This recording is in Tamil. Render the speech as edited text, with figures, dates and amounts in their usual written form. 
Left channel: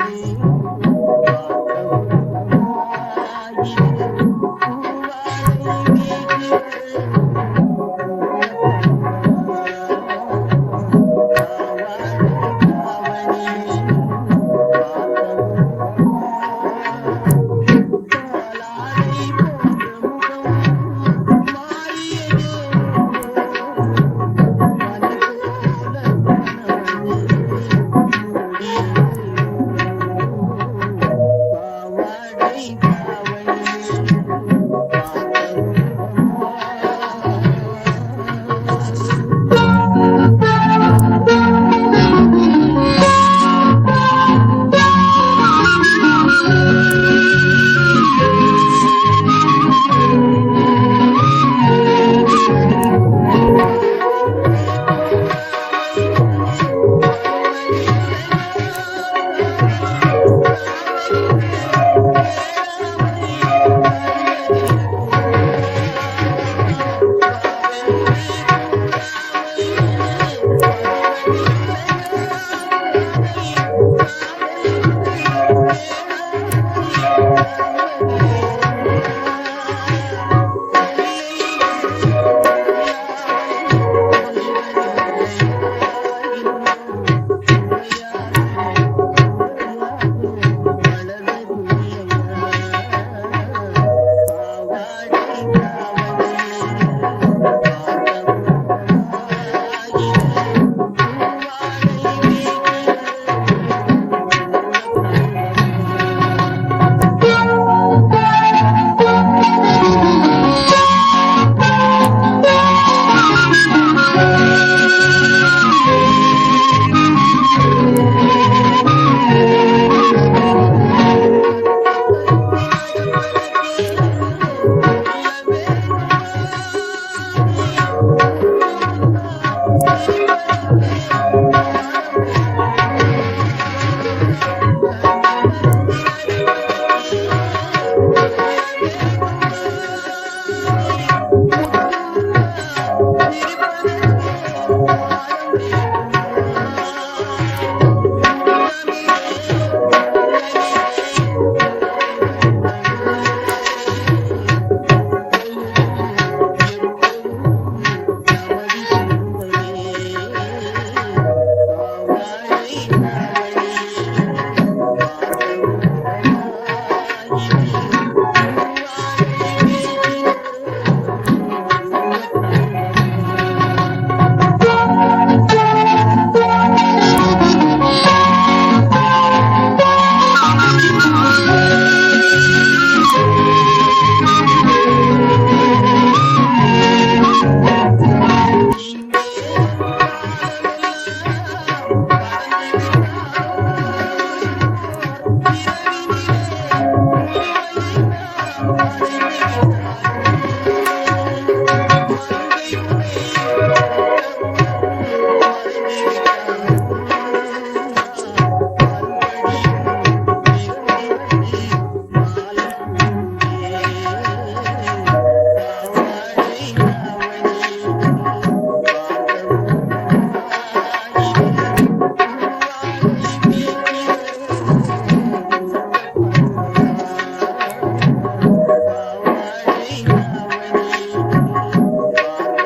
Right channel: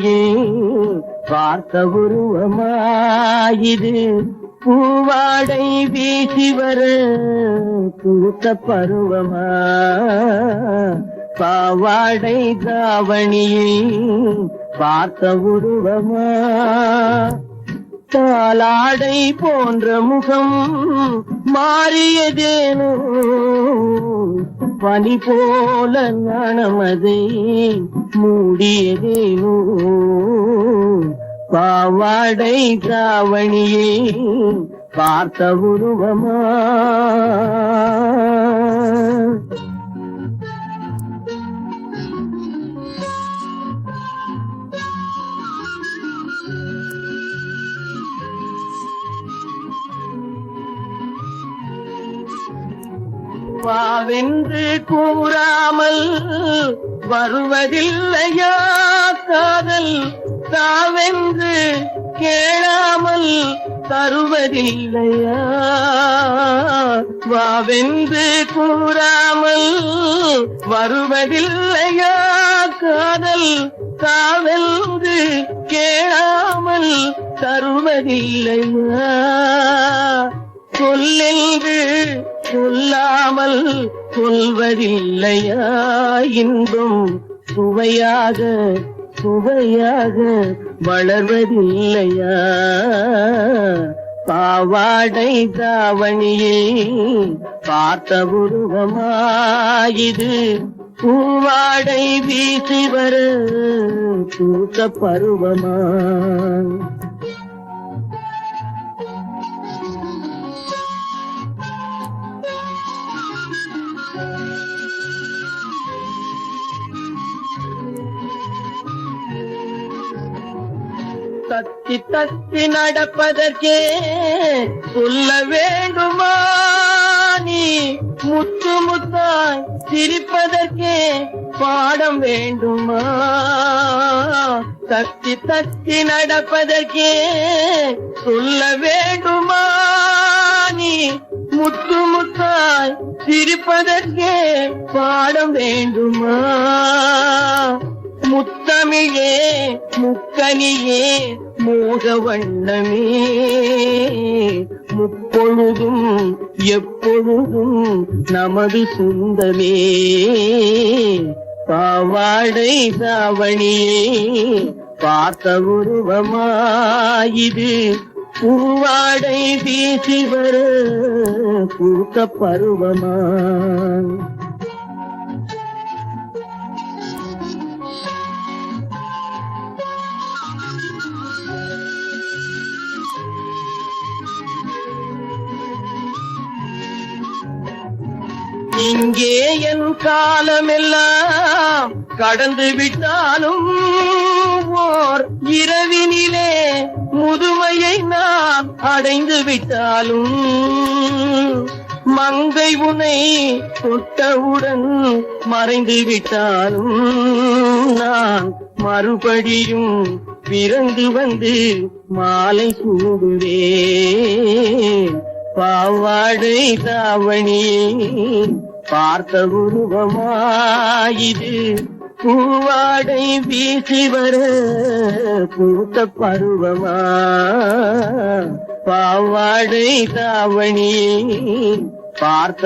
தாவணியே பார்த்த உருவமாயிது பூவாடை வீசி வர பூத்த பருவமா பாவாடை தாவணியே பார்த்த உருவமா பாலாடை போன்ற முகம் மாறியதேனோ பனி போல மனமதே மூடியதேனோ பாவாடை தாவணியே பார்த்த உருவமா வளர்வதில்லையா பாவாடை தாவணியே பார்த்த உருவமாயிது பூவாடை வீசி வர பூத்த பருவமா பாவாடை தாவணியே பார்த்த உருவமாயிது பூவாடை வீசி வர பூத்த பருவமா கடந்து விட்டாலும் ஓர் இரவினிலே முதுமையை நாம் அடைந்து விட்டாலும் மங்கை உனை தொட்டவுடன் மறைந்து விட்டாலும் நான் மறுபடியும் பிறந்து வந்து மாலை சூடுவேன் பாவாடை தாவணியே பார்த்த உருவமாயிது பூவாடை வீசி வர பூத்த பருவமா பாவாடை தாவணியே பார்த்த